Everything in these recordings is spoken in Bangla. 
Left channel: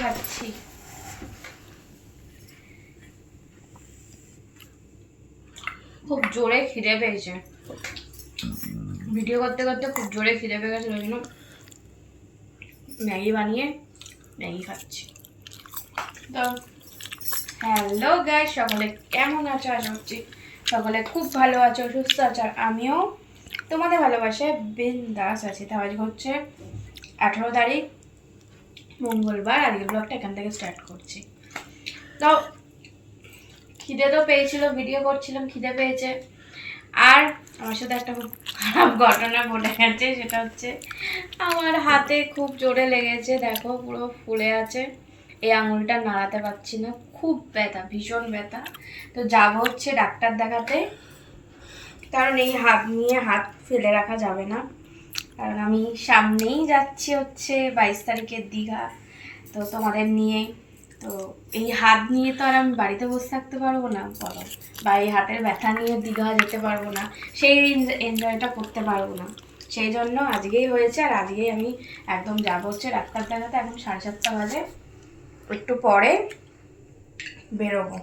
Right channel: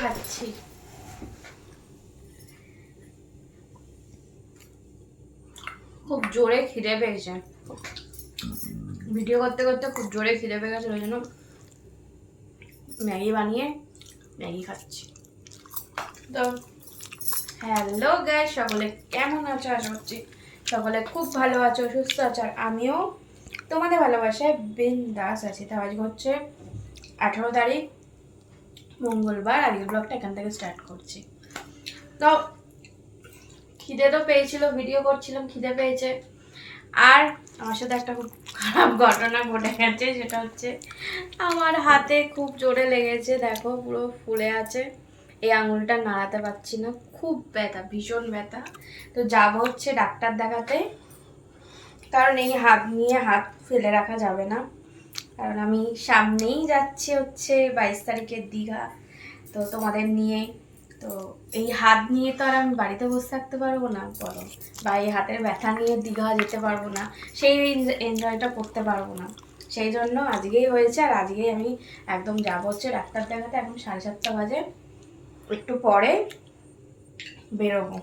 খাচ্ছি। খুব জোরে খিদে পেয়েছে, ভিডিও করতে করতে খুব জোরে খিদে পেয়ে গেছে, ওই জন্য ম্যাগি বানিয়ে ম্যাগি খাচ্ছি। তো হ্যালো গাইস, সকলে কেমন আছো? আশা করছি সকলে খুব ভালো আছো, সুস্থ আছো, আর আমিও তোমাদের ভালোবাসায় বিন্দাস আছি। তো আজকে হচ্ছে 18 তারিখ মঙ্গলবার। আজকের ব্লগটা এখান থেকে স্টার্ট করছি। তো খিদে তো পেয়েছিল, ভিডিও করছিলাম, খিদে পেয়েছে। আর আমার সাথে একটা খুব খারাপ ঘটনা ঘটে গেছে, সেটা হচ্ছে আমার হাতে খুব জোরে লেগেছে। দেখো পুরো ফুলে আছে, এই আঙুলটা নাড়াতে পারছি না, খুব ব্যথা, ভীষণ ব্যথা। তো যাব হচ্ছে ডাক্তার দেখাতে, কারণ এই হাত নিয়ে হাত ফেলে রাখা যাবে না। কারণ আমি সামনেই যাচ্ছি হচ্ছে 22 তারিখের দীঘা, তো তোমাদের নিয়ে। তো এই হাত নিয়ে তো আর আমি বাড়িতে বসে থাকতে পারবো না বলো, বা এই হাতের ব্যথা নিয়ে দীঘা যেতে পারবো না, সেই এনজয়টা করতে পারবো না। সেই জন্য আজকেই হয়েছে, আর আজকেই আমি একদম যাবো হচ্ছে ডাক্তার দেখাতে। এখন 7:30 বাজে, একটু পরে বেরোবো।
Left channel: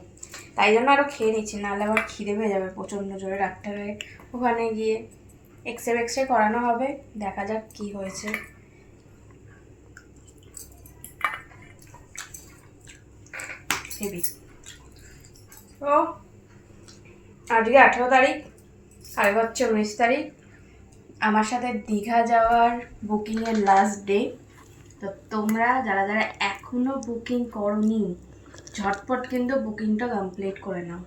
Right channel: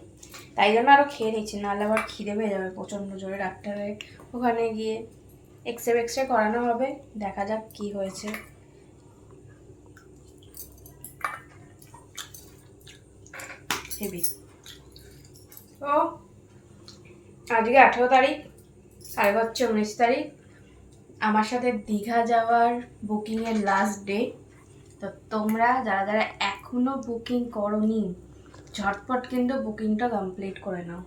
তাই জন্য আরও খেয়ে নিচ্ছি, নাহলে আবার খিদে পেয়ে যাবে প্রচণ্ড জোরে। ডাক্তারের ওখানে গিয়ে এক্সরে করানো হবে, দেখা যাক কি হয়েছে। হেবি। তো আজকে 18 তারিখ, কালকে হচ্ছে 19 তারিখ, আমার সাথে দীঘা যাওয়ার বুকিংয়ের লাস্ট ডে। তো তোমরা যারা যারা এখনও বুকিং করোনি, ঝটপট কিন্তু বুকিংটা কমপ্লিট করে নাও।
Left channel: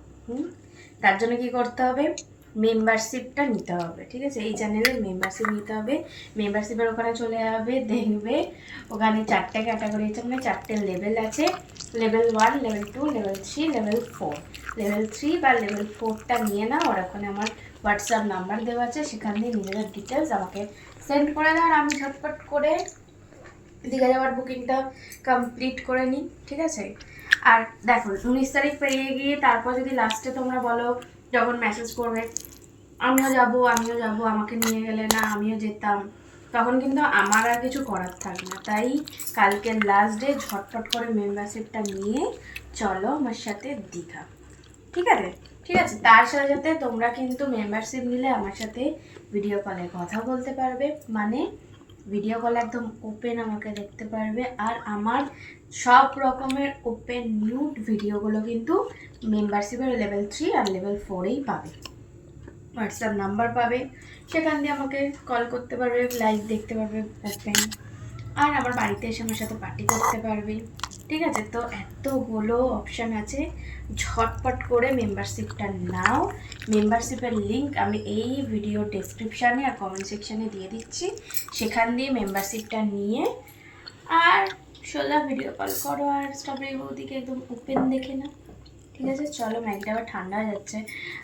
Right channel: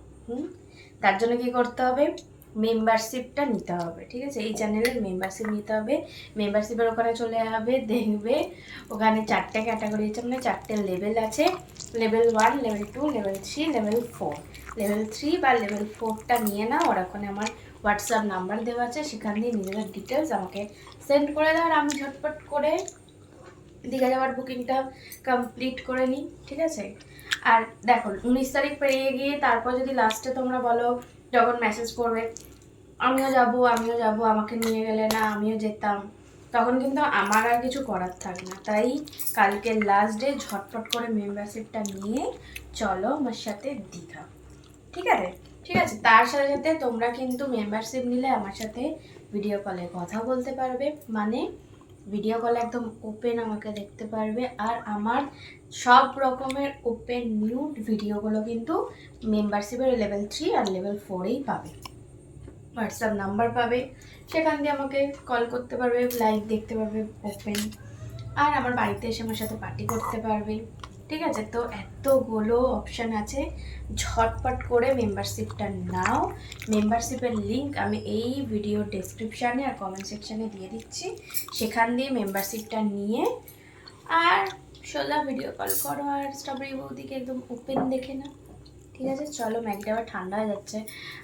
তার জন্য কি করতে হবে, মেম্বারশিপটা নিতে হবে, ঠিক আছে? এই চ্যানেলের মেম্বারশিপ নিতে হবে। মেম্বারশিপের ওখানে চলে যাবে, দেখবে ওখানে 4টে ক্যাটাগরি আছে, মানে 4টে লেভেল আছে। Level 1, level 2, level 3, level 4। Level 3 বা লেভেল 4টা নিয়ে নাও, আর ওখানে আমার হোয়াটসঅ্যাপ নাম্বার দেওয়া আছে, সেখান দিয়ে নিজেদের ডিটেলস আমাকে সেন্ড করে দাও, আর আমি ঝটপট করে দীঘা যাওয়ার বুকিংটা কমপ্লিট করে নিই, ঠিক আছে? আর দেখো 19 তারিখ পেরিয়ে গিয়ে তারপর যদি লাস্টে তোমরা বলো, যখন মেসেজ করবে আমিও যাব আমিও যাব, আমাকে নিয়ে গেলে না আমিও যেতাম, তখন কিন্তু আমার আর কিছু করার থাকে না। তাই কালকের লাস্ট ডে, ঝটপট করে মেম্বারশিপটা নিয়ে চলো আমার সাথে দীঘা, ঠিক আছে? ঠিক আছে, তার সাথে সাথে তোমরা কিন্তু মেম্বারশিপ নিলে আমার সাথে ভিডিও কলে কথা বলতে পারবে, মানে ভিডিও কল একদম ওপেন আমাকে দেখতে পারবে। আর আমার সব রকমের ওপেন নিউড ভিডিওগুলো কিন্তু মেম্বারশিপের লেভেল 3 আর লেভেল 4এই পাবে। হোয়াটসঅ্যাপ নাম্বার পাবে, সেখান দিয়ে আমাকে কল করতে পারবে, লাইভ দেখতে পারবে ওপেন। আর আমার বাড়িতে এসে আমার সাথে পার্টি করতে পারবে, ঠিক আছে? তো এতগুলো অপশান আছে, ঝটপট করে মেম্বারশিপটা নাও। মেম্বারশিপের লিঙ্ক আমি এই ভিডিও ডেসক্রিপশানে আর কমেন্ট সেকশানে দিয়ে দিচ্ছি, সেখান দিয়ে মেম্বারশিপটা নিয়ে আর সোজা ভিডিও কল করো, আর স্ট্রবেরি বৌদিকে একদম ওপেন দেখে নাও, ঠিক আছে? চলো, ম্যাগিটা আবার ঠান্ডা হয়ে যাচ্ছে।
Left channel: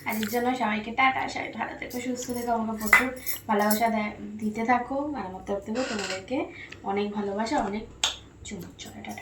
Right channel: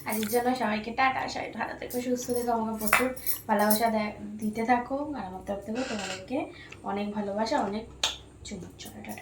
আজকের জন্য সবাইকে টাটা, সবাই ভালো থেকো, সুস্থ থেকো, আমাকে প্রচুর ভালোবাসা দিতে থাকো, আর আমার তরফ থেকেও তোমাদেরকে অনেক ভালোবাসা, অনেক চুমুক, টাটা।